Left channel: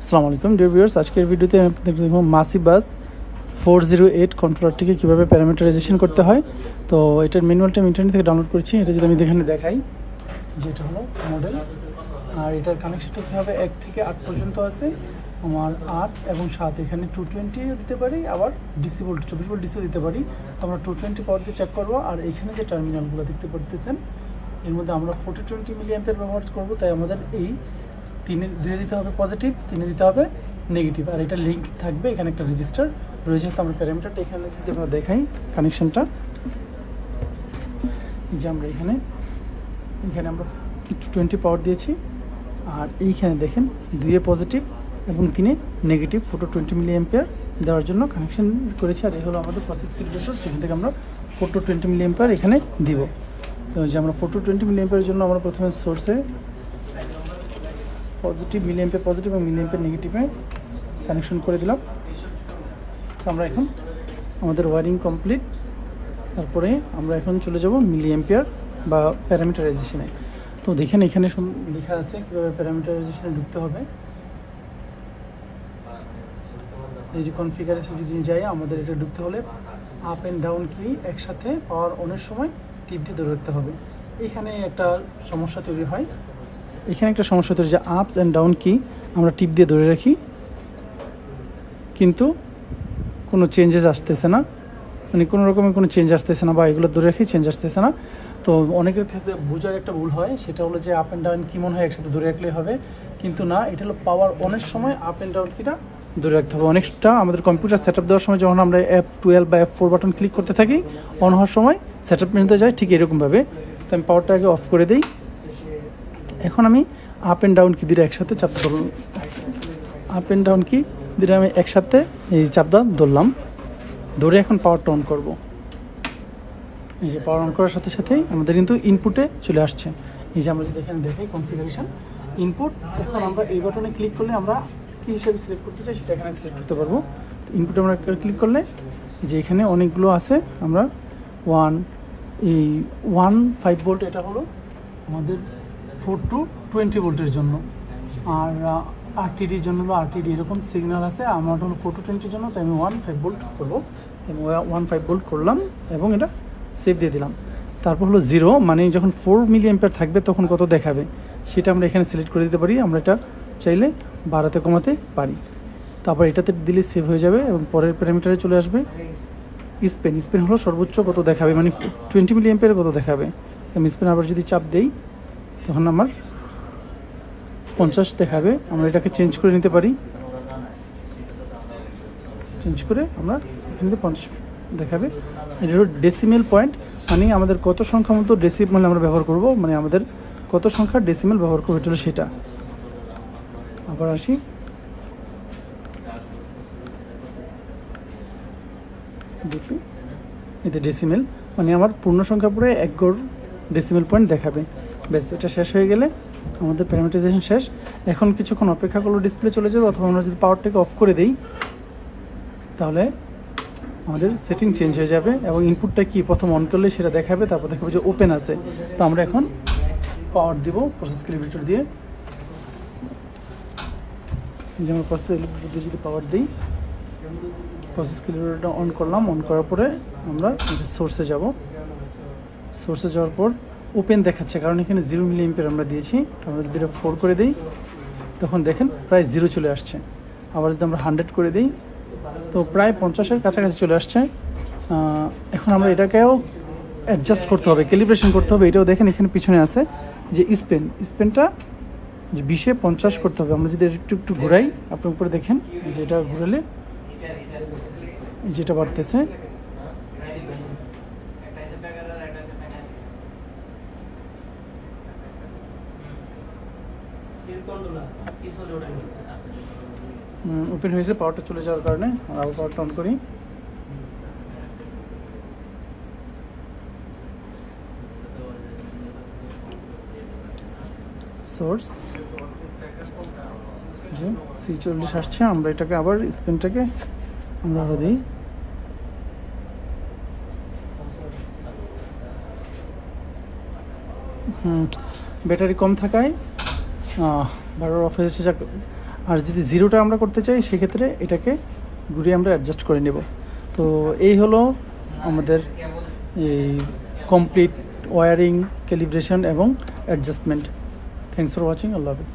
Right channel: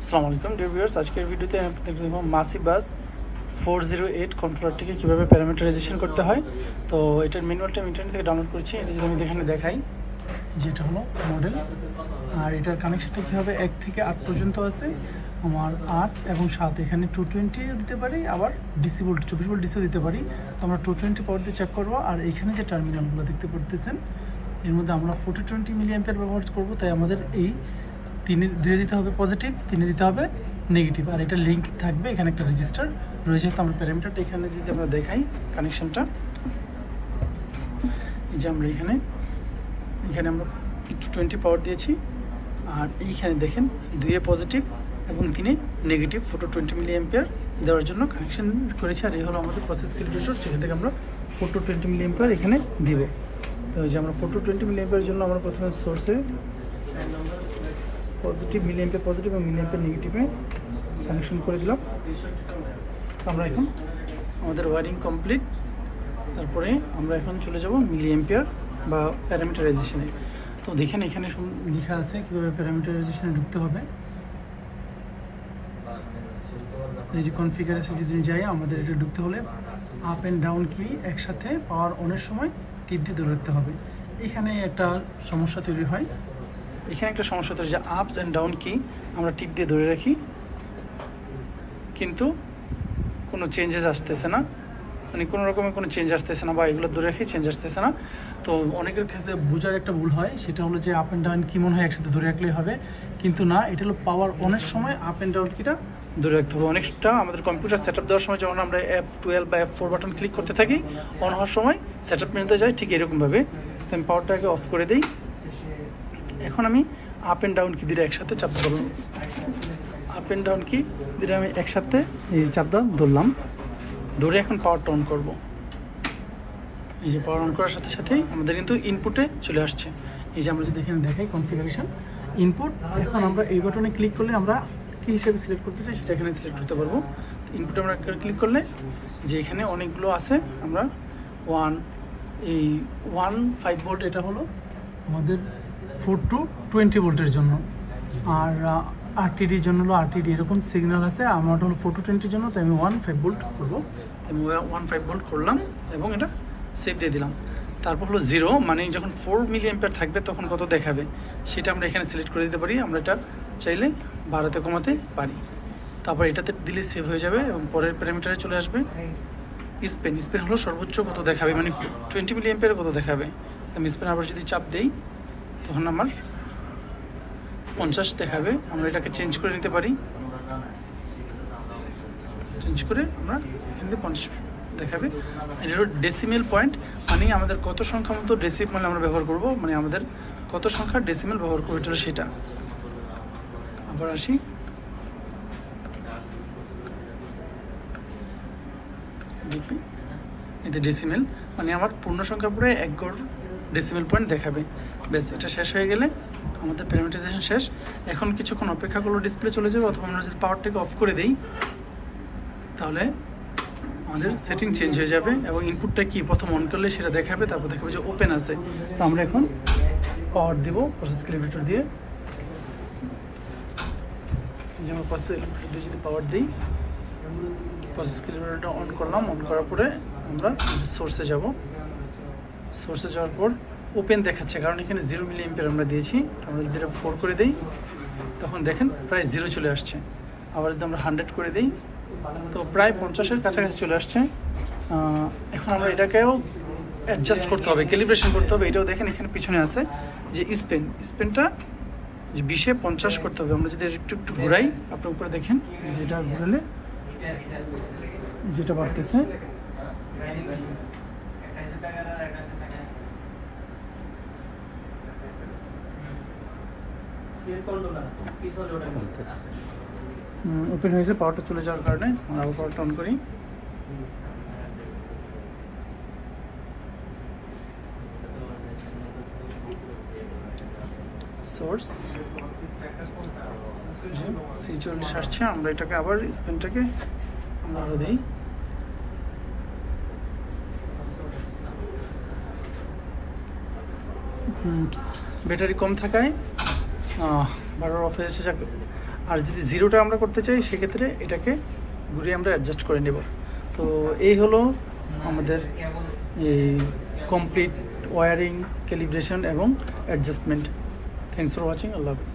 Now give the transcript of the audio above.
আসসালামু আলাইকুম dear viewers, আজকের ভিডিওতে দেখব মাসিবাস 408 কন্ট্রোলারটিকে কীভাবে প্যারামিটারাইজেশন করতে হয়। তো এটার ম্যানুয়ালটা আমি ইন্টারনেট থেকে ডাউনলোড করেছি। এটা যদি আমি এখানে দেখাই, যেটা হলো মডেল, আর এটার কানেকশনটা কীভাবে 1 থেকে 8 পর্যন্ত আছে। আমার 8 এবং 7 এখানে 220 দিতে পারি, আবার ডিসি ভোল্ট 24 ভোল্ট ডিসি দিতে পারি। তো আমরা 220 পাওয়ার দিয়ে চেক করবো। আর এখানে যে টার্মিনালগুলো দেখতে পারতেছেন, এর মধ্যে আমরা 4020 মিলি অ্যাম্পিয়ার ব্যবহার করবো। তাই আমাদের এই 2 দিতে হবে পজিটিভ, 3 দিতে হবে নেগেটিভ, আর এটা লিঙ্ক থাকবে। এখানে একটা রেজিস্টার রয়েছে। তো আমরা প্যারামিটারটা এখানে যদি আমরা দেখাই কানেকশনটা, যে আমরা এখানে আমরা 220 পাওয়ার দিয়েছি। আর এইখানে দেখেন 2 পজিটিভ এবং 3 নেগেটিভ 420 মিলি অ্যাম্পিয়ার দেওয়ার জন্য কানেকশন করেছি। আর এই হলো আমাদের প্রসেস ক্যালকুলেটর, যেখান থেকে আমরা 420 মিলি অ্যাম্পিয়ার এখানে দিব। তো এই যে আমরা 420 মিলি অ্যাম্পিয়ারের জন্য আমরা প্রথমে সোর্সে পজিটিভ মিলি অ্যাম্পিয়ার পজিটিভ এবং মিলি অ্যাম্পিয়ার নেগেটিভে কানেকশন করে দিলাম। আমরা এখন আমাদের ওয়ারিং কমপ্লিট। তারপরে আমরা এখন চলে যাব মিলি অ্যাম্পিয়ার বা প্যারামিটারাইজেশনে। তো দেখেন এখানে সব লেখা আছে কীভাবে প্যারামিটারাইজেশনে ঢুকতে হবে। এই যে কনফিগারেশন যদি যাই, আমাদের এটা ঢুকতে হলে আপ অ্যান্ড ডাউন কি একসাথে পাওয়ার অনের সময় টিপ দিয়ে ধরে রাখতে হবে। এখানে একটা সমস্যা তৈরি হয়। এখানে একটা সমস্যা তৈরি, যে আপস অ্যান্ড ডাউন কি আমরা টিপ দিয়ে ধরে রাখি, কিন্তু কোনো চেঞ্জেস আসতেছে না, মানে কোনো রকমের কোনো চেঞ্জ আসতেছে না, বা এগুলো ধরে রাখি চেঞ্জ আসতেছে না। তো অনেকের ক্ষেত্রে বোঝার একটা ভুল হয়, সেটা হলো যে আপ অ্যান্ড ডাউন কি মনে হয় একসাথে ধরে রাখলেই হবে, কিন্তু না, এটা হলো পাওয়ার অনের সময় আপ অ্যান্ড ডাউন কিটা ধরে রাখতে হবে। অনেকটা আমাদের কম্পিউটার সেট আপ দেওয়ার সময় যখন আমরা F12 বা F4 বাটন ক্লিক করতে থাকি, অন হওয়ার সময় সেট আপ নিতে যায়, ঠিক এরকমভাবে। তো আমি পাওয়ারটা আগে অফ করে দিই। এখন আমি আপ অ্যান্ড ডাউন কি দিয়ে একসাথে চাপ করব। আপ অ্যান্ড ডাউন কি দিয়ে আমি একসাথে এই চাপটা ধরলাম, ধরে এখন পাওয়ারটা অন করব। এই যে পাওয়ার অন করার সাথে সাথেই আমাদের কিন্তু ইনপুটে চলে আসছে। এই যে আমরা যদি এখানে দেখাই কনফিগারেশন ইনপুট, এখন আমরা এই বাটনে ক্লিক করলে আমরা কী হিসেবে সিলেক্ট করতে চাই সেটা এখানে সিলেক্ট করতে পারবো। ইনপুটে আমরা ক্লিক করলে যে এখানে অনেকগুলো আছে, আমরা 1.5 ভোল্ট, এটা হলো আমাদের 4 to 20 ভোল্টের জন্য। আর আরটিডির জন্য হলো আরটিডি, এরকম সিগন্যাল আছে। আমার হলো 4 to 20 জন্য, তাই আমি 1.5 ভোল্ট করবো। আমি 1.5 ভোল্ট করলাম এবং এটা সেভ দিয়ে দিলাম। তারপর হলো 0, মানে যখন 4 মিলি অ্যাম্পিয়ার থাকবে তখন কত দেখাবে সেটা আমরা এখানে সিলেক্ট করে দিতে পারি। আমরা এটা চাইলে বাড়াতে কমাতে পারি। তারপর এটাতে দিলে সেভ হয়ে যাবে এবং পরের প্যারামিটারে চলে আসবে। স্পেন হলো সর্বোচ্চ কত দেখাবে, মানে 20 মিলি অ্যাম্পিয়ার কত দেখাবে। আমি স্পেন আবার যদি চাপ দেই, তখন আমার 50 দেখাবে। আমরা এটাকে চেঞ্জ করে নিতে পারি। চেঞ্জ করে আমরা এখানে 50 দেখাবে। এটা হলো ডেসিমেল পয়েন্ট, মানে আমাদের কত সংখ্যা মতো ডেসিমেল আমরা ব্যবহার করব, মানে আমাদের কত সংখ্যার ডেসিমেল ব্যবহার করবো, এটা হলো সেটা। আবার আসি, এতে ডেসিমেল মানে আমার পূর্ণ সংখ্যা পুরো 1 গড় ডেসিমেল পয়েন্ট দেখাবে। ব্যাস, এটা শেষ হয়ে গেলে আমাদের প্যারামিটারাইজেশন শেষ। এখন কিছুক্ষণ অপেক্ষা করলে ডিসপ্লে চলে যাবে, অথবা আমরা যদি পাওয়ারটাকে অফ করে দিই, তাহলে আমাদের সেটিং চেঞ্জ হয়ে যাবে এবং ইনপুটটা কি প্রথম অন করলে সেটা দেখাবে। তারপর দেখাবে যে ওপেন আছে। তো আমরা এখন পাওয়ার দিব প্রসেস ক্যালকুলেটর দিয়ে। যেমন প্রসেস ক্যালকুলেটর দিয়ে যদি পাওয়ার দিই, প্রসেস ক্যালকুলেটরটা অন করলাম। অন করার পরে আমরা সোর্সে যাব। সোর্সে যাওয়ার পর ওপেন দেখাচ্ছে, কারণ এখানে 0 মিলি অ্যাম্পিয়ার আমরা দিয়েছি। আমরা যদি এটা 4 করে দিই, তখন দেখেন প্রায় 0 চলে আসছে। আবার যদি আমরা 100 করে দিই, তো প্রায় 50-এর কাছাকাছি চলে আসছে। এখন আমরা এটাকেও অ্যাডজাস্ট করতে হবে, ক্যালিব্রেশন করতে হবে। এটাও দেখেন এখানে পিছনে আছে যে স্পেনটা যে 20-এ 50 করতে হবে। আমরা যদি একটু ঘোরাই, আপনার উপরে দেখেন যে এটা ঘুরালে যেটা বাড়তেছে। ওপেন হয়েছে, পাওয়ারটা চলে যাওয়ার কারণে। আবার পাওয়ারটা অন করি। সোর্স C40 আসছে। আমরা এটাকে আবার স্পিনটাকে বাড়া দিই। ব্যাটারি কম থাকায় বারবার অফ হয়েছে। যাক, আর যদি জিরোটা আমরা করতে চাই সেক্ষেত্রে এটাকে ঘুরিয়ে আমরা অ্যাডজাস্ট করে নেব। তো এই হলো আমাদের এই কমপ্লিট ওয়ারিং, ক্যালিব্রেশন এবং adjustment. Thanks for watching. Allah Hafiz.